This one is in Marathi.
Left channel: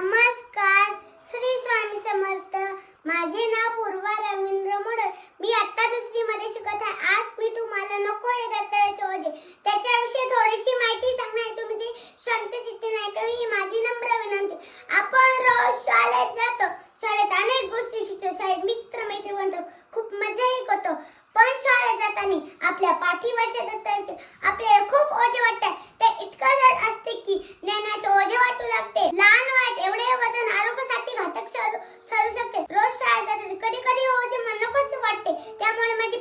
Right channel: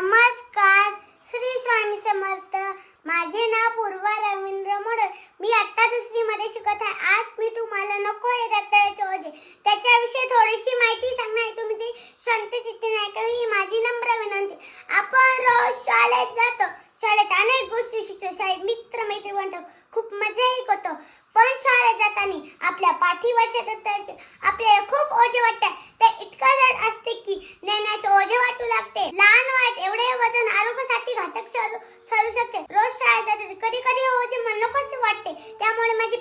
नमस्कार, श्री स्वामी समर्थ. माझे नाव पूर्वा रवींद्र मोडक. मी आता 2री मध्ये शिकत आहे. आज मी तुम्हाला नको हे दत्ताचे ओझे त्याच्याविषयी थोडीशी माहिती सांगणार आहे. तुम्ही ती शांतचित्ताने ऐकावी ही माझी नम्र विनंती. आपण रोज शाळेत जातो. शाळेत अनेक गोष्टी शिकतो. शाळेत मित्र मैत्री बनतो. खूप मजाही करतो. पण शाळेत जाताना आपल्या पाठीवरच्या दप्तराचे आपल्याला खूप ओझे वाटतात. ते इतकं जड असते की नेण्याचे ओझे वाटू लागते. लहान वयात एवढे वजन आरोग्यासाठी घातक ठरू शकते. रोज शाळेत जाताना कधी कधी ओझे मला नकोसे वाटते. त्यामुळे माझी